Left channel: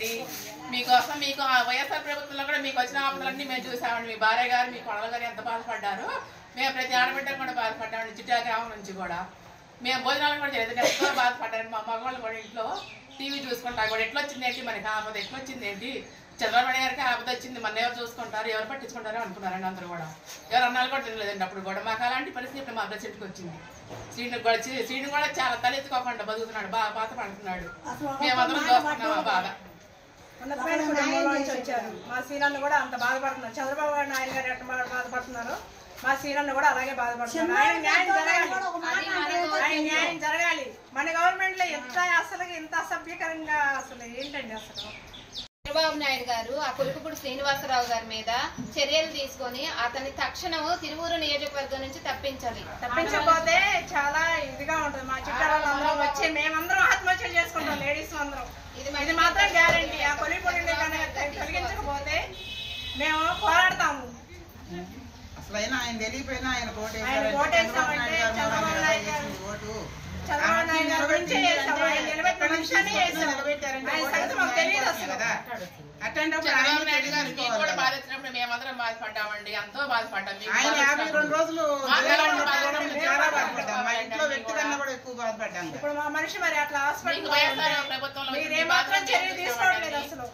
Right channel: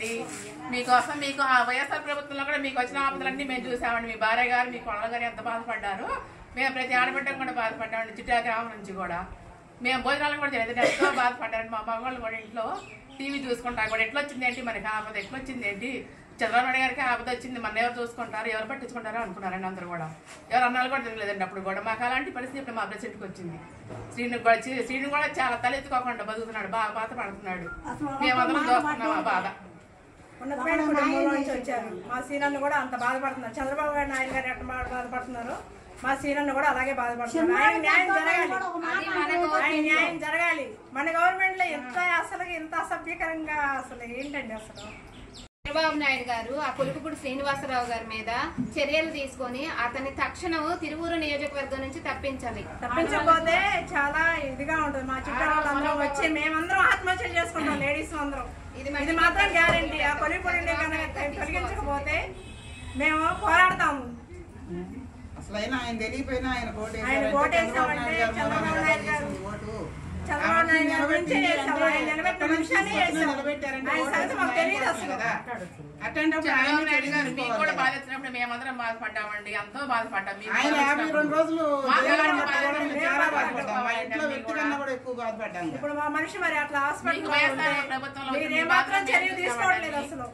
అండి. మీకోసం మీకు వైఎస్ఆర్ ప్రభుత్వంలో కూడా మీకు వచ్చిన ఆపదలన్నీ మేము చూసామండి. మీ భార్య గారు మీ కొడల గారు ఎంత బాధపడ్డారు. మేము ప్రతి ఆడబిడ్డకు కూడా బాధపడ్డామండి. చిట్టా గ్రామం నుంచి కూడా మేము భోజనాలు కూడా చేయలేదు. ఎంతో బాధపడ్డారండి. మా మగవాళ్ళు కూడా ఇంట్లో టీవీ చూసుకుంటా కూడా ఎట్లా వచ్చింది ఏంటి మనకి ఆపద, ఎట్లా వచ్చింది ఏంటి, చంద్రబాబు గారికి ఆపద వచ్చింది, మన ఎవరు చూసుకుంటారు, ఎవరు పట్టించుకుంటారో అనుకున్నారండి అందరూ కూడా. ఎవరు అన్నాలు కూడా తెలియలేదండి అప్పుడు కూడా. మాకు అలాంటి పరిస్థితి ఇప్పుడు మా ప్రెసిడెంట్కి వచ్చింది. శ్రీను కూడా చాలా తలెత్తుకోకుండా బతుకుతున్నాడు, బాగా బాధపడుతున్నాడు. మేమందరం చూస్తున్నాం ఆ బాధ. మా సీనియర్లు కూడా అంత బాధపడుతున్నారు. చంద్రబాబు నాయుడు గారు ఎట్లా బాధపడుతున్నారు, మా సీనియర్లు కూడా అలాగే బాధపడుతున్నారు. ఆయన న్యాయం జరగాలి. మన గవర్నమెంట్ లో ఎంత అసభ్యకరంగా అసలు ఏంటండి అసలు. చంద్రబాబు నాయుడు గారు ఆ కొలుకుపూడి శ్రీనివాసరావు గారి మీద చర్యలు తీసుకొని అతన్ని తక్షణం తిరువూరు నియోజకవర్గం నుంచి తప్పించాలి. తప్పించకపోతే చాలా ఇదిగా ఉంటుంది. మా చుట్టాలందరం వచ్చి మేమందరం ఆత్మహత్యలు చేసుకుంటాం, లేడీస్ అందరం. ఇది మాత్రం గ్యారంటీ. ఆ కొలిపూడిని తొలగించకపోతే మేము పోరాడతాము. అసలైనా ఆయన తెలియపోయినా ఆయన కోటేసామంటే చంద్రబాబు నాయుడు గారు గురించి నిలబెట్టిన మనిషిని మాకు తెలియదు అసలు. చంద్రబాబు నాయుడు గారు మీకు కూడా బాధ వచ్చినప్పుడు మేమందరం బాధపడ్డామండి, ఎంతో బాధపడ్డాం. ఇప్పుడు మా మనిషి మరి అట్లా ప్రభుత్వంలో చర్య తీసుకోవట్లేదు అసలు.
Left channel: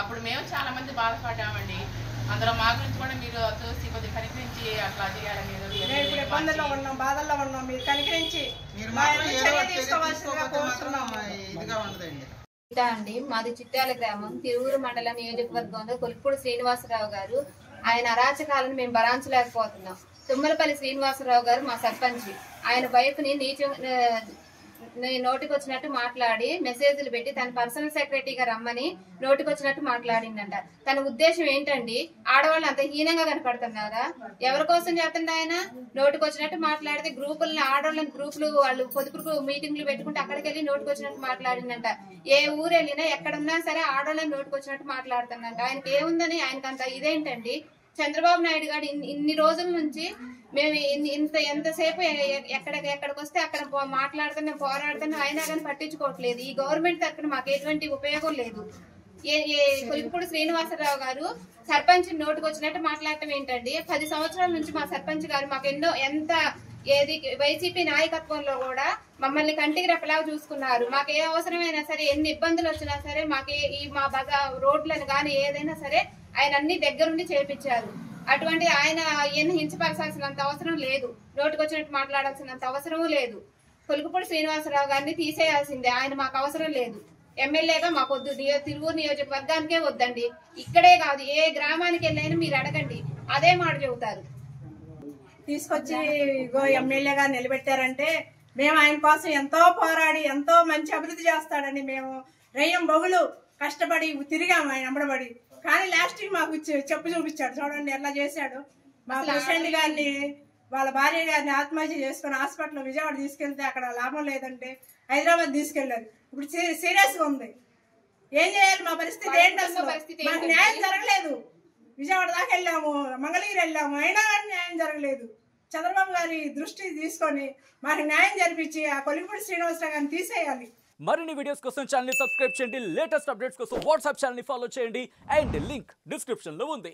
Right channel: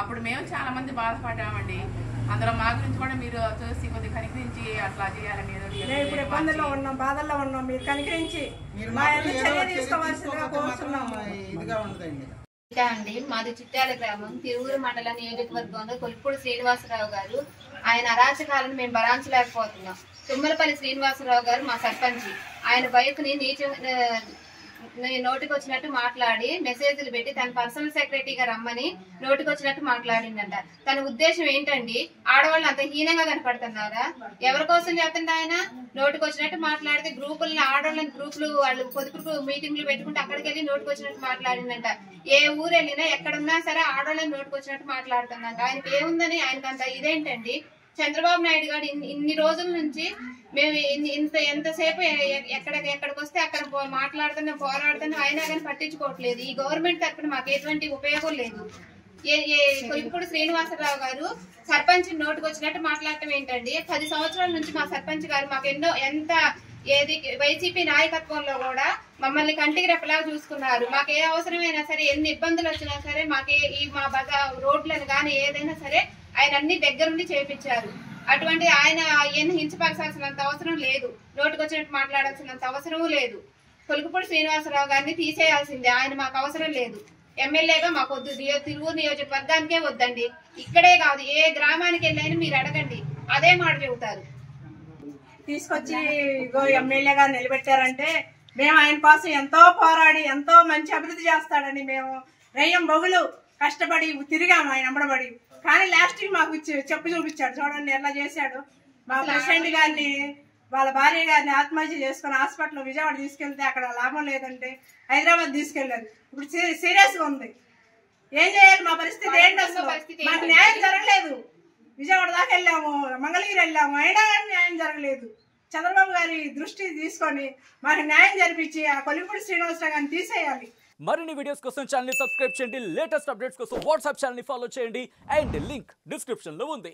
అప్పుడు మేము చాలా మంది బాధపడ్డామండి. అందులో మా గురించి కూడా మీరు చూసి కొద్దిగా కనికరించి అట్లా చేయాలని ఇప్పుడు ఇబ్బందుల్లో ఉన్నాం, బాధల్లో ఉన్నాం. మీరు కనికరించి చర్య తీసుకోవాల్సిందిగా కోరుతున్నాము. అండి మాది చిట్టాల గ్రామం తిరువురు మండల నియోజకవర్గంలో కొలుపూడి శ్రీనివాసరావు గారు ఆయన అరాచకాలను మేము భరించలేకపోతున్నాం. తుమ్మలపల్లి శ్రీనివాసరావు గారు మా సర్పంచి. ఆయన బైక్ని నోటికి వచ్చినట్టు మాట్లాడి మెసేజ్లు పెట్టి తన పర్సనల్ సెక్రటరీగా రమ్మని నోటికి వచ్చినట్టు మాట్లాడిందంట. తన ఉద్దేశం ఏంటండి? ఆడవాళ్ళు అంత హీనంగా కనపడుతున్నారా? ఎవరి కోసం చేస్తుంది ఆయన? నోటికి వచ్చినట్టు మాట్లాడితే గ్రూపులను ఆడవాళ్ళని గ్రూపులు వాళ్ళు పొదుపు మీటింగ్లు పెట్టుకుంటే అక్కడికి వెళ్ళి నోటికి వచ్చినట్టు మాట్లాడిందంట. ఏ ఊరు వెళ్ళినా ఎక్కడున్నా సరే ఆడవాళ్ళని నోటికి వచ్చినట్టు మాట్లాడుతుందంట. ఆయనకి ఏముందని ఆయనకంత ఇదేంటండి? చంద్రబాబు నాయుడు గారు ఇన్ని రోజుల నుంచి మేము ఎంతసేపు ఎక్కడికి వస్తే అక్కడ మాట్లాడుతున్నా పోరాడుతున్నా అయినా కానీ పట్టించుకోవట్లేదు. ఈ గవర్నమెంట్ తరఫున మాకు ఎటువంటి ఉపయోగం లేదు. కొలుపుపూడి శ్రీనివాసరావు గారు సర్పంచ్ నోటికి వచ్చినట్టు మాట్లాడటం ఏంటండి? 10 సంవత్సరాల నుంచి మా సర్పంచ్ గారు మాకు వైసీపీ నాయకత్వంలో కూడా మమ్మల్ని కంటికి రెప్పలాగా చూసుకున్నారు. మాకు ఏ అవసరమైనా సరే, ఎన్ని ఇబ్బందులు వచ్చినా సరే, మా రోడ్లను కానీ ఏదైనా సరే ఆయన అన్ని దగ్గరుండి చేపించారు. అటువంటి ఆయన హింసపరచాల్సినంత అవసరం లేదు, నోటికి వచ్చినట్టు మాట్లాడాల్సినంత అవసరము లేదు. కొలుకుపూడి శ్రీనివాసరావు గారిని తీసేయాల్సిందే. ఆయన మాకు అవసరం లేదు. ఎమ్మెల్యేగా మాకు వద్దు. తిరువూరు నియోజకవర్గానికే వద్దండి. ఇక్కడే కాదు, ఏ గ్రామానికి వెళ్ళైనా మీరు అడగండి, అదే మాట చెబుతారు. తీసుకొచ్చి ఎమ్మెల్యేగా నిలబెట్టారంటే మేము ఆయన కోసం ఎంతో పోరాడి ఎంతో మంచి అభివృద్ధి చేస్తాడని మేము రయ్యం బొగులు కష్టపడి తిరిగాము ఆయన అమ్మడబడి. కానీ లాస్ట్ మాకు చెప్పు చూపించాడు. చూడండి ఎట్లా చేశాడు. మా ప్రెసిడెంట్ గారిని వాళ్ళ భార్య గారిని ఆత్మహత్య చేసుకుని హాస్పిటల్ విజయవాడ తీసుకెళ్తే అక్కడ లాభం లేదంటే హైదరాబాద్ తీసుకెళ్ళారు. ఇప్పుడు సీరియస్ గా ఉంది. ఏం చేయాలి? మా పరిస్థితి ఏంటి అసలు? మాకు న్యాయం జరగలేదు. విజయవాడ దాకా వెళ్ళాము, మంగళగిరి వెళ్ళాము, అయినా కానీ న్యాయం జరగలేదు. చంద్రబాబు గారి దృష్టి తీసుకొని మాకు న్యాయం జరిపించి ఆ కొలిపూడి శ్రీనివాసరావు గారిని తీసేయాలి. మరిన్ని వీడియోస్ కోసం ఛానల్ ని సబ్స్క్రైబ్ చేయండి. లేటెస్ట్ అప్డేట్స్ కోసం వాట్సాప్ ఛానల్ ని ఫాలో చేయండి. అండ్ లింక్ డిస్క్రిప్షన్ లో ఉంది.